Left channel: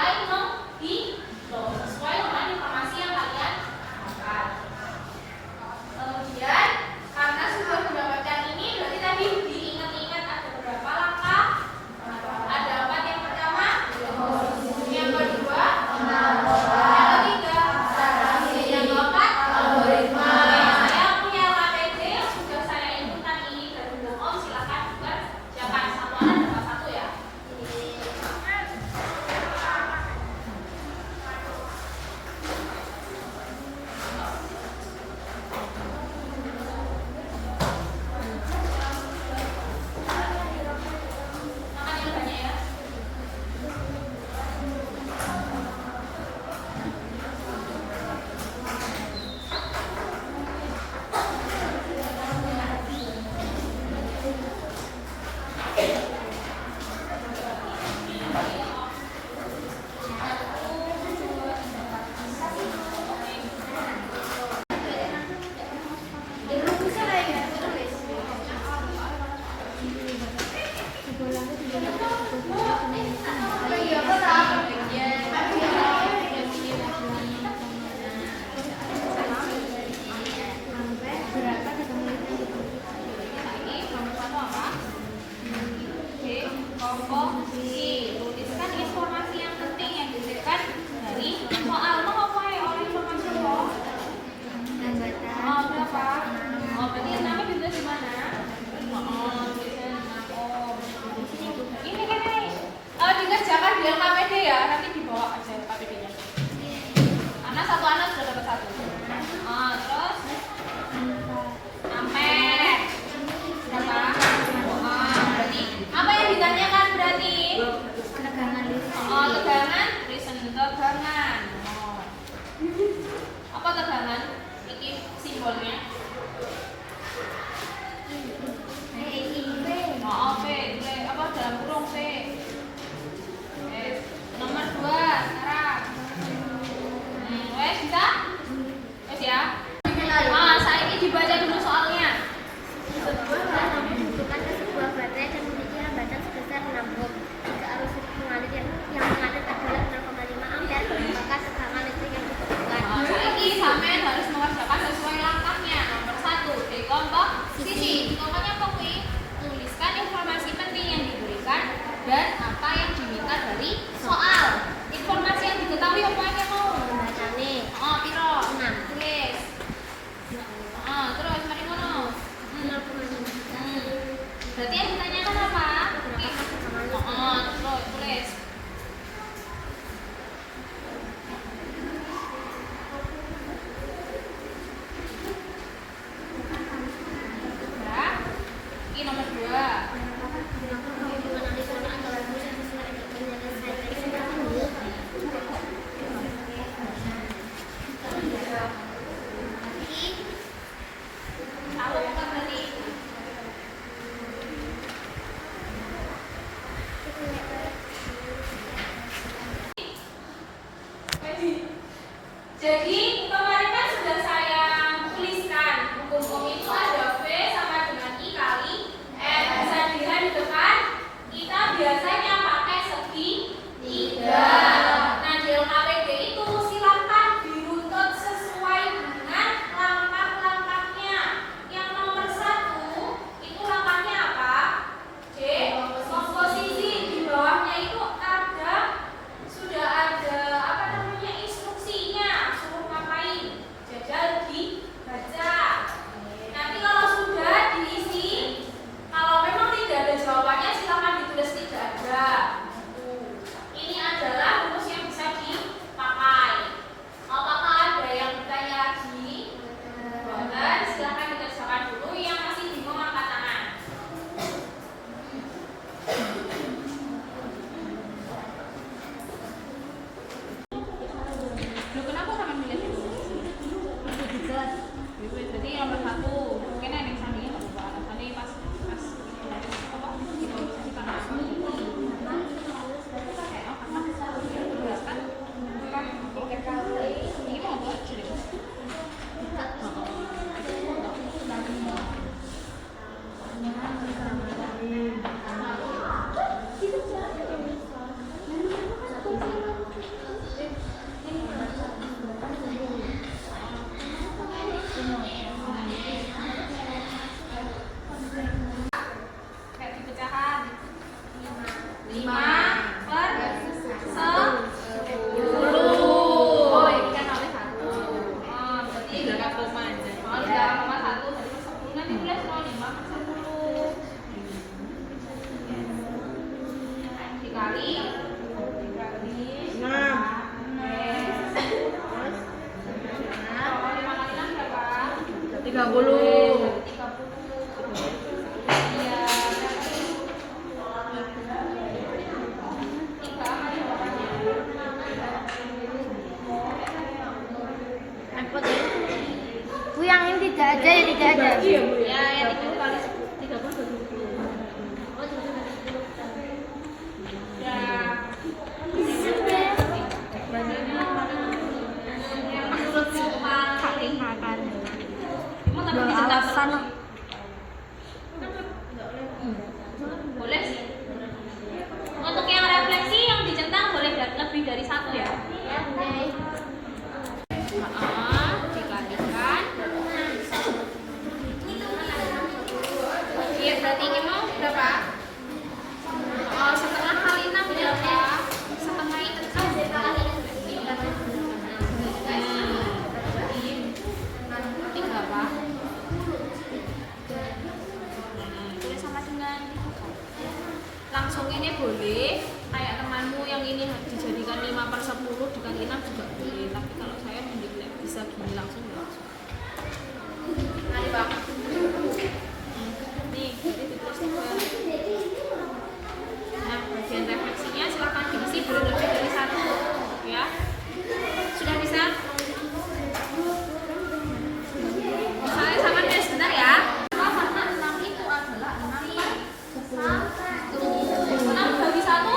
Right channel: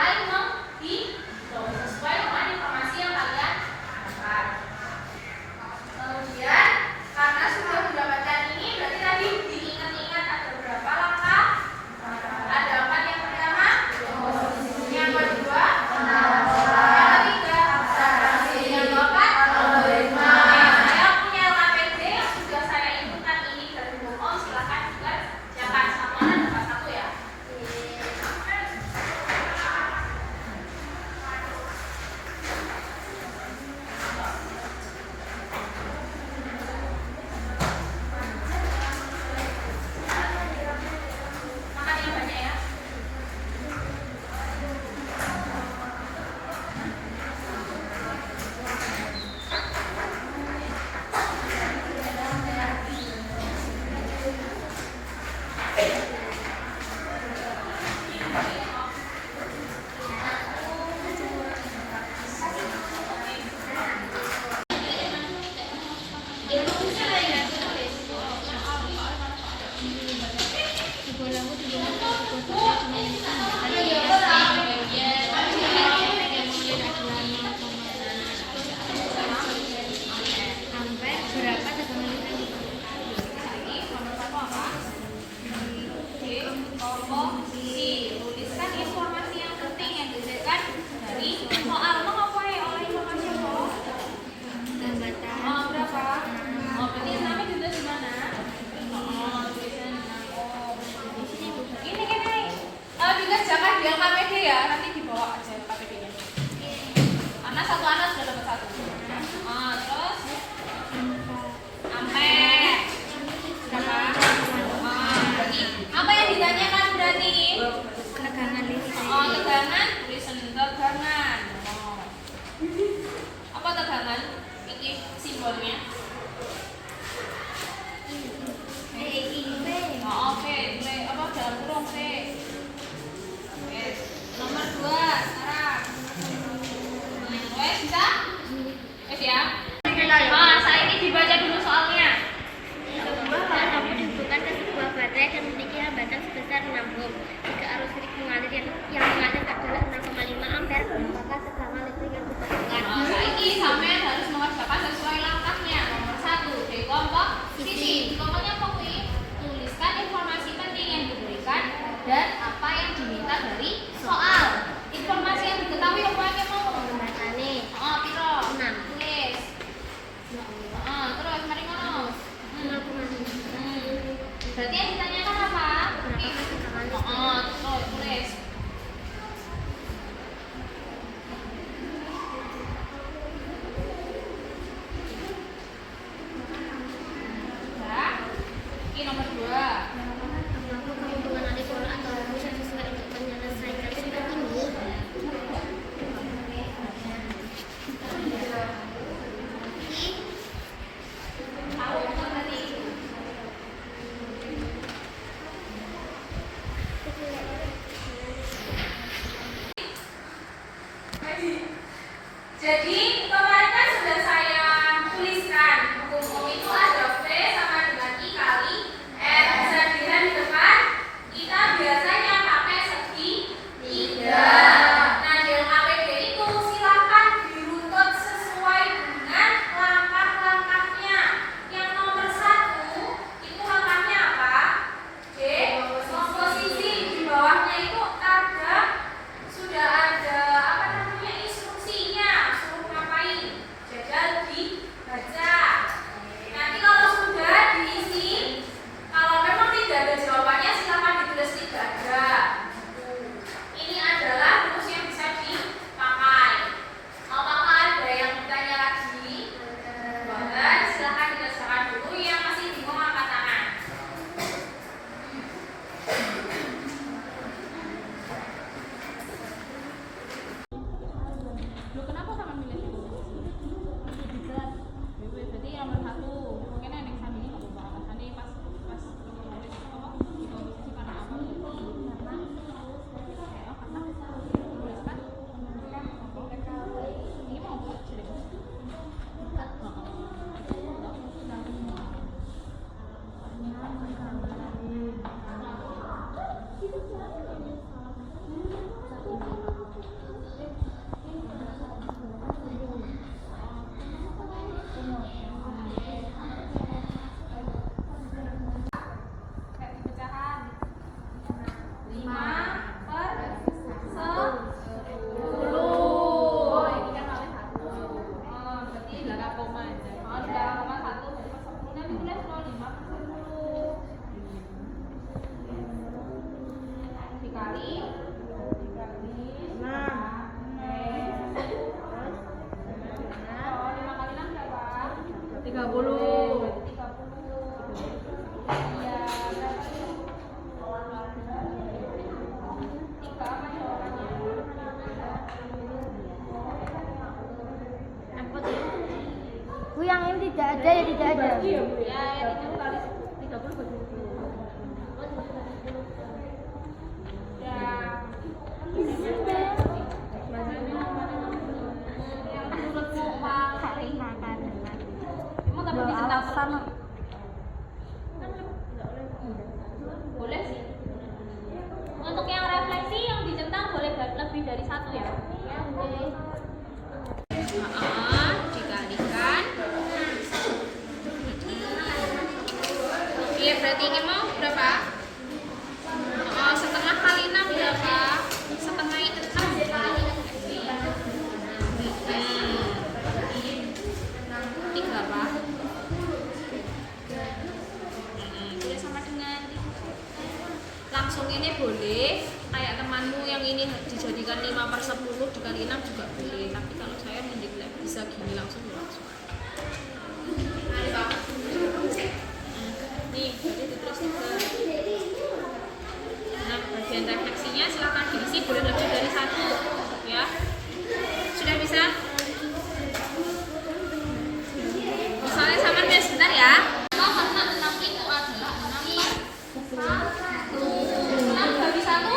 mulai menghitung sesuai dengan informasi yang kalian dapat. Kemudian karena sudah mendapatkan ini, berarti tadi diingat-ingat ada berapa langkah? Ada 4 yang pertama, yang kedua, yang ketiga, yang keempat, saya punya KPD yang sudah saya inputkan ini dari Google. Silahkan dikerjakan satuan dapat 1 ya. Makan yang banyak ya. Komposisi. Tuliskan informasi yang penting yang diberikan dari soal. Mau ngapain oleh informasi apa? Berapa? Berarti namanya ditulis di mana? Tulisan 6. Ini kan dikerjakan di KPD ya. Nanti dibawa aja KPD-nya. Karena satu anak sudah dapat 1. Terus ampere. Berapa? Berarti apa yang ditanyakan berarti? Tegangan listrik. Tegangan, tulisan tegangan. Apa tegangan? Ini simbolnya. V. Apa dalam kurung V. Nomor 2 sekarang. Wes bisa? Wes ya. Saat ini dibaca dulu soalnya. Lampu dihubungkan ke sebuah baterai dan memiliki hambatan sebesar 6 ohm. Jika arus listrik mengalir yang mengalir adalah 0,5 ampere, maka tegangan listrik yang dibutuhkan. Saiki sampean harus mengerjakan sesuai langkahnya. Nomor 1, dekomposisi. Dekomposisinya apa kuwi? Tuliskan informasi penting yang diberikan dan apa yang diminta dari soal. Informasi yang diketahui apa yang mau? Hambatane. Piro? 6. Tulis. Terus mari ngono. 0,5. Berarti yang ditanyakan apa? Berapa tegangan listrik? Terus tulis. Ya. Ini nomor 2. Apakah kamu mengenali pola atau rumus yang sesuai untuk menyelesaikan soal ini? Tahu bukan berarti? Jadi kemarin kan sudah saya tuliskan hukum itu ada V sama dengan I kali R. Bisa dilihat di depan. Kita biasanya pakai segi 3. Nah di KPD itu silakan diruntut sesuai dengan langkah-langkahnya. Yang nomor 1 itu langkahnya apa? Komposisi. Di bawahnya itu sudah ada apa namanya instruksinya. Suruh 30. Repot ya. Bu, yang ini tidak ada ya, tidak ada. Iya, Bu. Ya, yang itu kali 30 bagi 10. Ya. Saling makan. Alasan Boleh sih. Untuk yang refleksi yang dicentang boleh lebih dari 1 ya. Dikalikan. Iya, berarti ini mau berapa? Setengah kali 6 berapa? Setengah 3 apa? Tulis sama dengan langsung ini boleh, kayak temanmu yang ini dijadikan 5/10 dikali 6 juga boleh, tapi kalau saya mending bisa gini langsung ya langsung aja. Nah, Bang. Nih, jadi ditulis 3. Nah, bagian refleksinya silahkan diisi, boleh lebih dari 1 ya. Sudah bisa? Misalnya sama nih sebentar ya. Karena 6 itu adalah 6/1. 6 bagi 1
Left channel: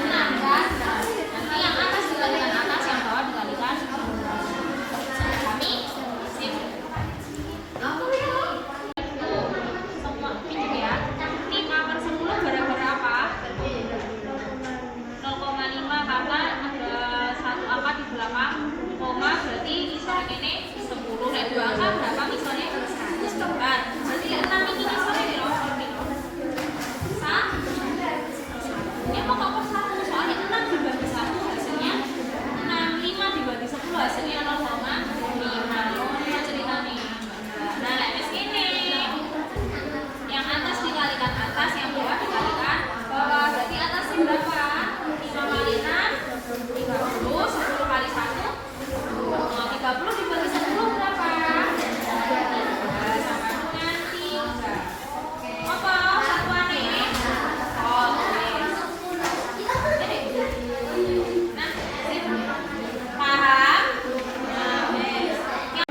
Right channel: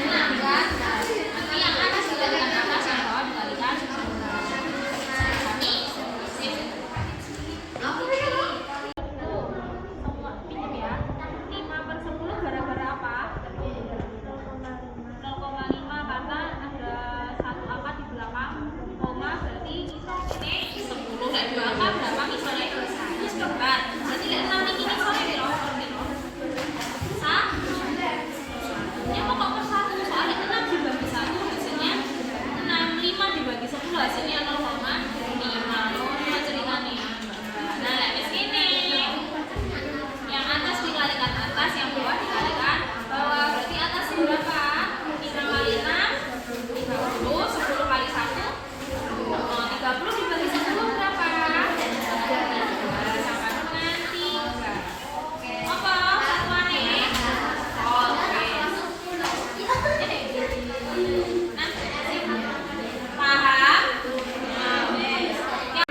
6 kan? Nanti yang atas dikalikan atas, yang bawah dikalikan kami sip. Semua pinjam ya. 5/10 gara-gara apa? 0,5 karena ada 1 angka di belakang koma, berarti misalnya ini 10. Nah, 2 angka berapa misalnya? 100. Berarti 6 ini misalnya di row ya pokok per 1, soalnya 6 dibagi 1 hasilnya 6, 5 dibagi 10 hasilnya 0,5. Cerita nih. Nah, lemes ini yang atas dikalikan atas, yang bawah dikalikan bawah, berarti atasnya berapa? 5 kali 6 30, 10 kali 1 30 dibagi 10 berapa? 3 sama dengan 3. Apa? Satuannya? Oke. Paham? Nah, yang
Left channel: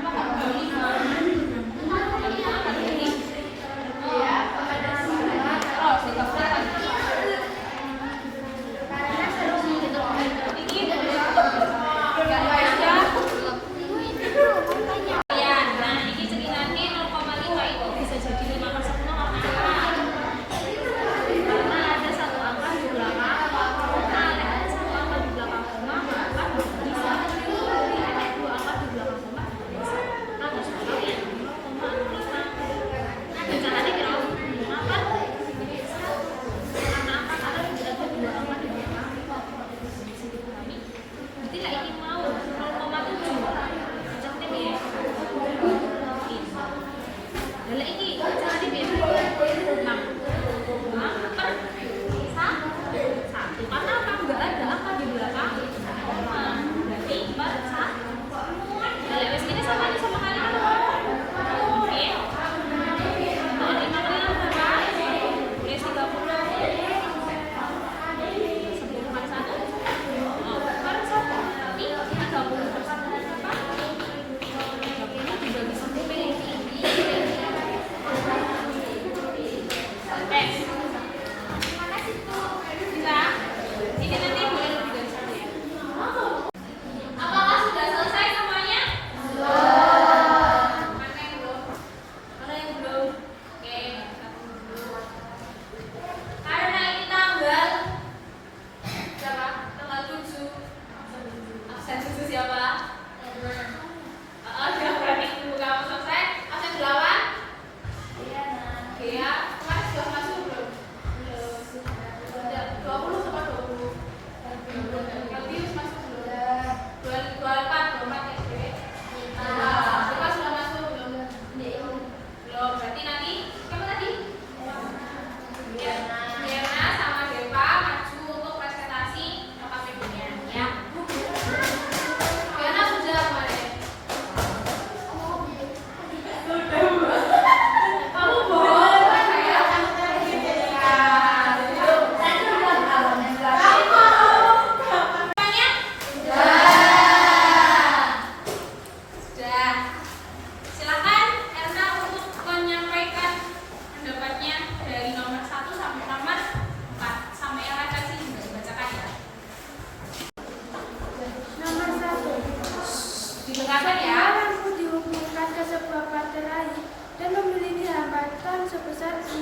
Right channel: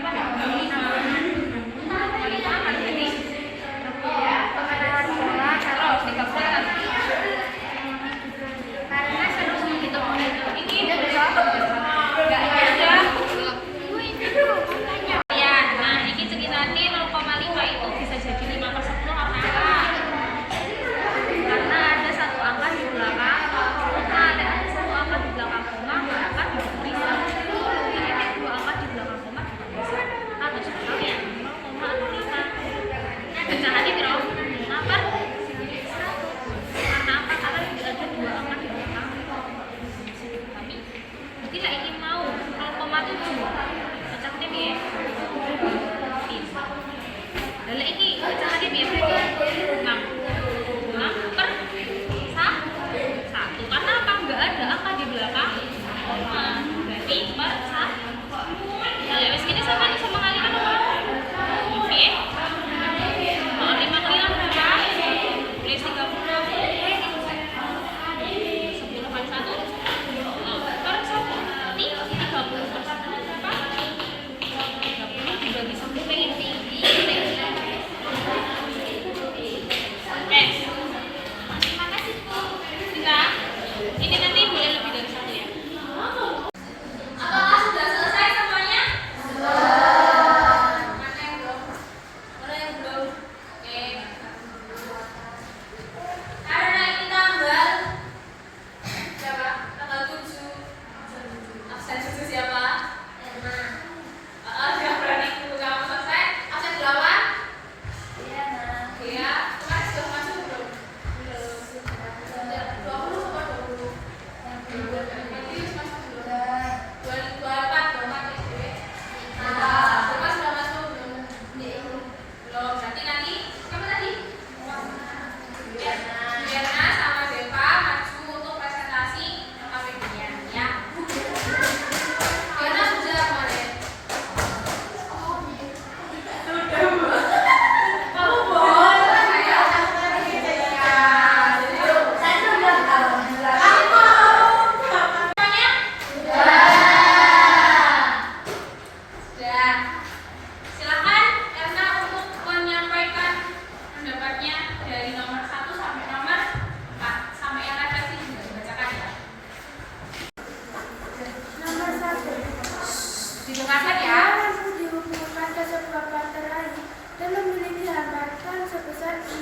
Dengarkan ya. Lampu dihubungkan ke sebuah baterai dan memiliki hambatan sebesar 6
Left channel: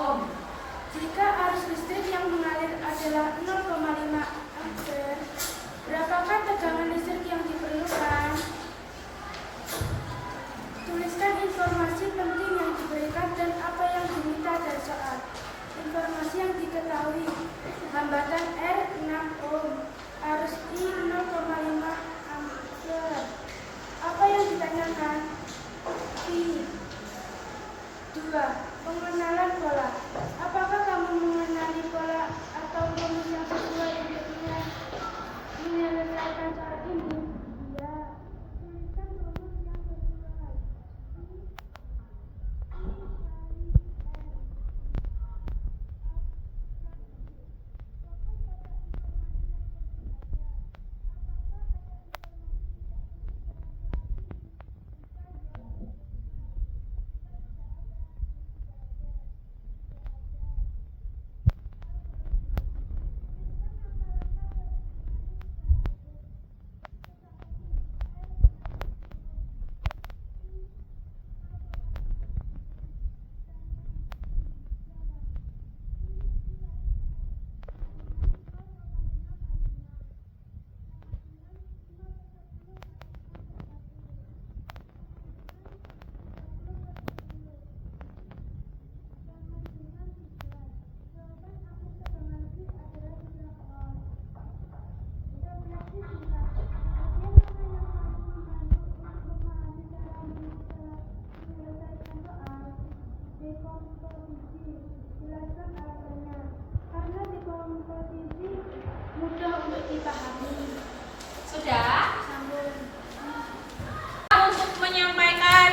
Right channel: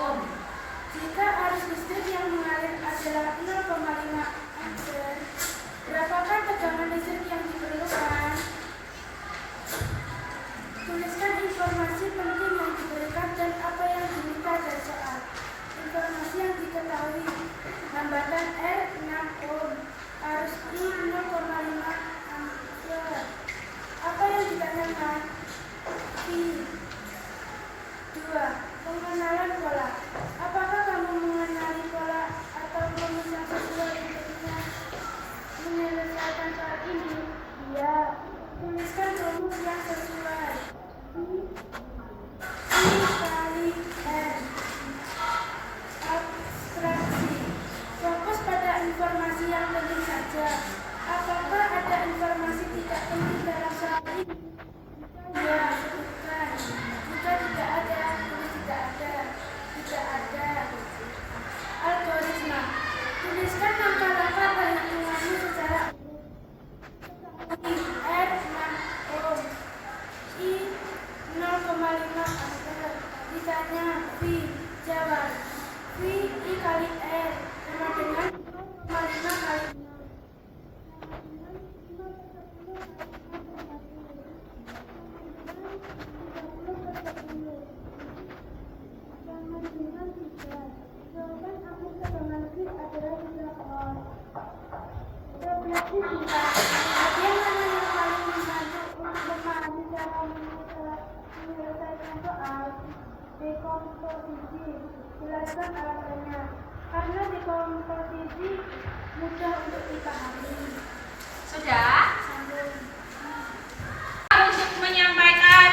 ohm. Jika arus listrik yang mengalir adalah 0,5 ampere, berapakah tegangan listrik yang diperlukan? Tuliskan informasi penting yang diberikan dan apa yang diminta dari soal. Informasi yang diketahui: hambatan R 6 ohm, arus I 0,5 ampere. Apa yang ditanyakan? I. 2. Pengenalan pola. Apakah kamu mengenali pola atau rumus yang sesuai untuk menyelesaikan soal ini? Iya. Tuliskan rumus yang sesuai. I kali R. Abstraksi. Fokus pada informasi yang penting saja. Apakah ada informasi tidak penting dalam soal ini? Ya, sebutkan. Jika tidak ada, tulis tidak ada. Tidak ada. Algoritma. Tuliskan langkah-langkah perhitunganmu secara R 6 ohm, I 0,5 ampere. Ditanya V, jawab. V I kali R sama dengan 0,5 kali 6. Jawaban aku tegangan listrik adalah 3 ohm. Refleksi singkat. Bagian mana yang paling membantu untuk memahami cara menyelesaikan soal? Dekomposisi. Jelaskan alasannya. Karena dekomposisi mudah untuk dipahami. Sudah? Sambung. Untuk menyampaikan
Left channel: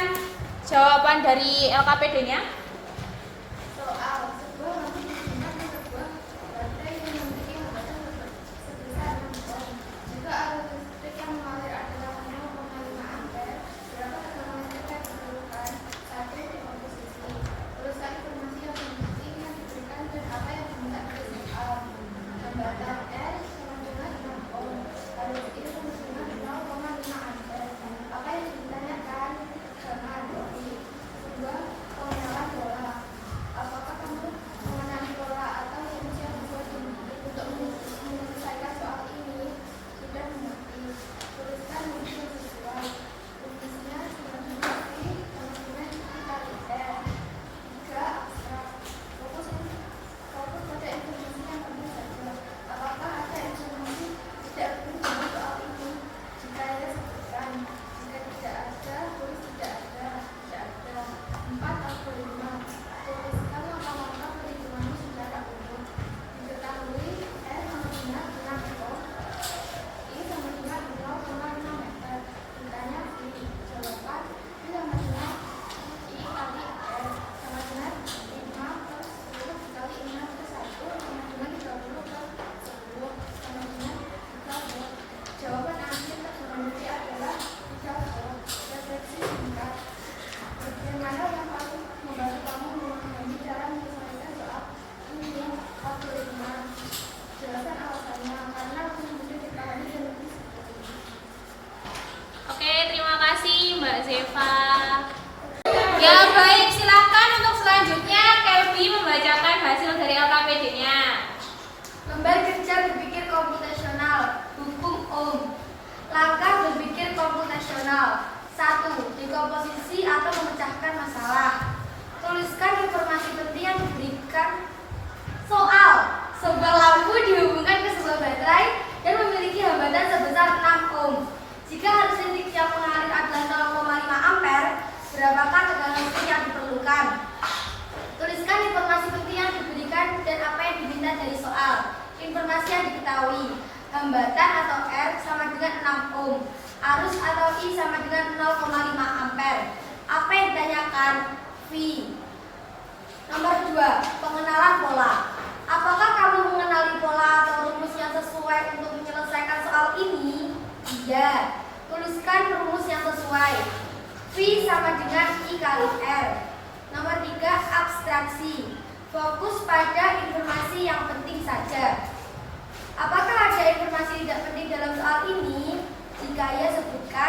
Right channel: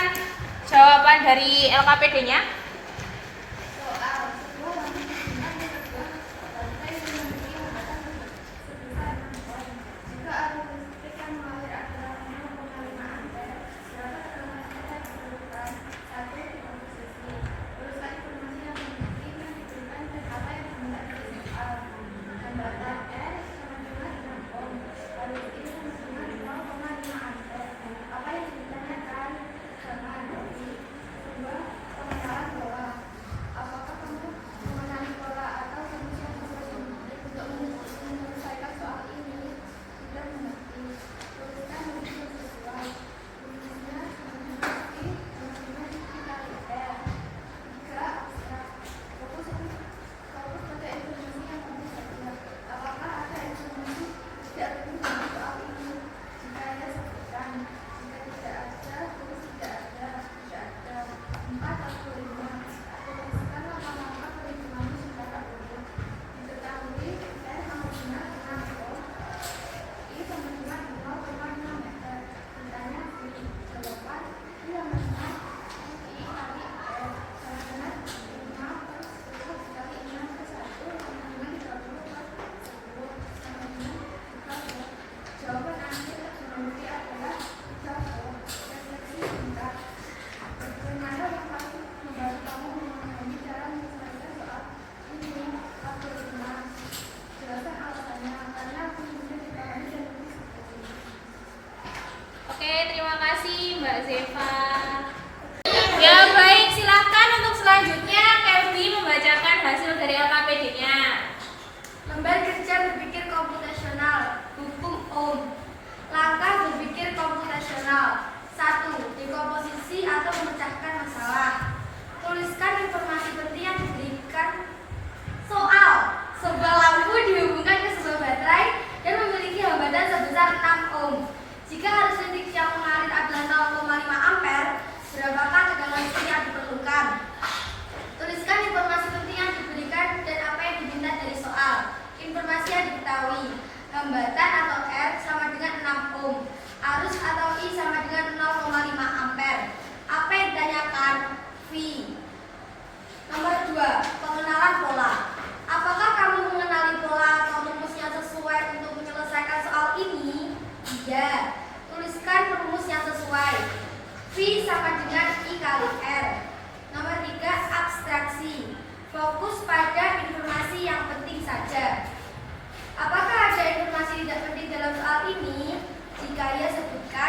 jawaban dari LKPD-nya. Soal sebuah lampu digunakan sebuah baterai yang memiliki hambatan sebesar 6 ohm. Jika arus listrik yang mengalir adalah 0,5 ampere, berapa tegangan listrik yang diperlukan? 1. Dekomposisi. Tuliskan informasi yang penting yang diberikan dan apa yang diminta dari soal. Hambatan R sama dengan 6 ohm. Arus I sama dengan 0,5 ampere. Apa yang ditanyakan? Tegangan I. 2. Pengenalan pola. Apakah kamu mengenali pola atau rumus yang dibuat untuk menyelesaikan soal ini? Sudah mengerti. Tuliskan rumus yang sesuai. Rumusnya sama dengan I sama dengan I kali R. 3. Abstrak. Fokus pada informasi yang penting saja. Apakah ada informasi tidak penting dalam soal ini? Jika ada, sebutkan. Jika tidak ada, tulis tidak ada. Tidak ada. 4. Algoritma. Tuliskan langkah-langkah perhitunganmu secara urut. Diketahui R sama dengan 6 ohm, I sama dengan 0,5 meter. Ditanya V, jawaban I sama dengan I kali R sama dengan 5 plus 10 dikali 6 plus 1 sama dengan 30 plus 10 sama dengan 3 ohm. Jawaban akhir tegangan listrik adalah 3 ohm. Refleksi singkat. Bagaimana yang paling membantu kamu memahami cara menyelesaikan soal ini? Algoritma. Jelaskan alasannya. Karena lebih mudah dipahami dan lebih seperti ini. Oke, terima kasih Mbak Zeva. Ya baik, silakan untuk selanjutnya Kelby membacakan hasil dari LKPD-nya. Lembar kerja berpikir komputasional. Hukum Ohm. Langkah berpikir komputasional. 1. Dekomposisi atau memecahkan masalah. Tuliskan informasi penting yang diberikan. Soal. Sebuah lampu dihubungkan ke sebuah baterai dan memiliki hambatan sebesar 6 ohm. Jika arus listrik yang mengalir adalah 0,5 ampere, berapakah tegangan listrik yang diperlukan? Tuliskan informasi penting yang diberikan dan apa yang diminta dari soal. Informasi yang diketahui: hambatan atau R sama dengan 6 ohm, arus atau I sama dengan 0,5 ampere. Apa yang ditanyakan? V. Nomor 2. Pengenalan pola. Apakah kamu mengenali pola atau rumus yang sesuai untuk menyelesaikan soal ini? Iya. Tuliskan rumus yang sesuai. V sama dengan I kali R. Nomor 3. Abstraksi. Fokus pada informasi yang penting saja. Apakah ada informasi tidak penting dalam soal ini? Jika ya, sebutkan.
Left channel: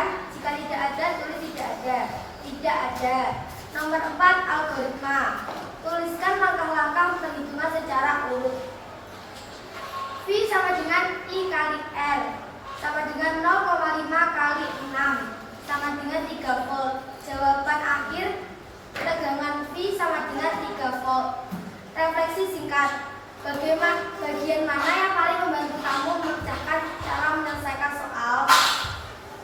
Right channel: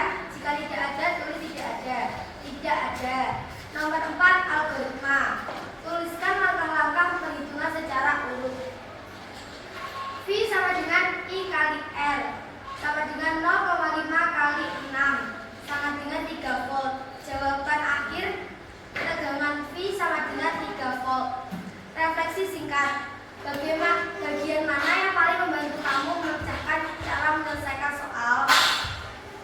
urut. V sama dengan I kali R sama dengan 0,5 kali 6 sama dengan 3 volt. Jawaban akhir tegangan V sama dengan 3 volt. Refleksi singkat. Bagian mana yang paling membantu kamu memecahkan cara menyelesaikan soal?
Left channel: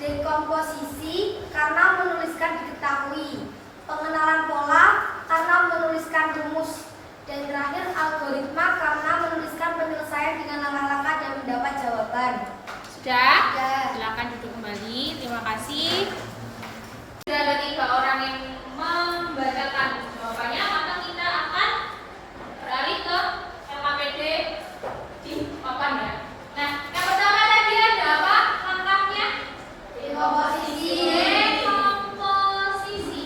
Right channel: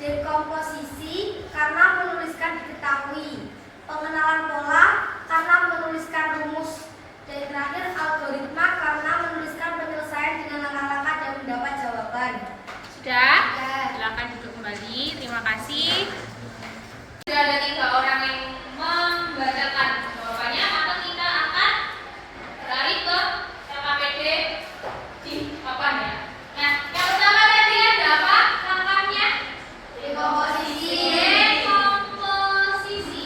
Dekomposisi karena menuliskan diketahui, pengenalan pola karena menuliskan rumus, dan terakhir algoritma karena menuliskan penyelesaian dengan langkah-langkah dan mendapat jawaban. Sudah? Sudah. Silakan duduk kembali. Terima kasih. Sudah ada 3 orang yang membacakan jawabannya, maka kita akan beralih ke LKPD di papan ya. Nah, yang pertama tadi ada apa langkahnya? Dekomposisi. Dekomposisi.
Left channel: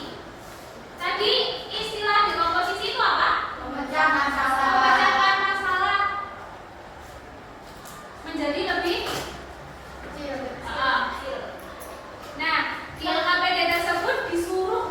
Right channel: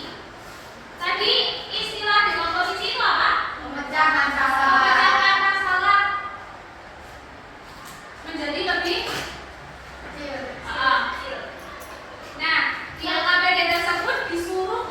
Tadi istilah dekomposisi itu apa? Memecah masalah. Memecahkan masalah menjadi lebih kecil. Nah, di LKPD tersebut disuruh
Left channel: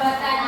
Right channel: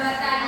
hambatan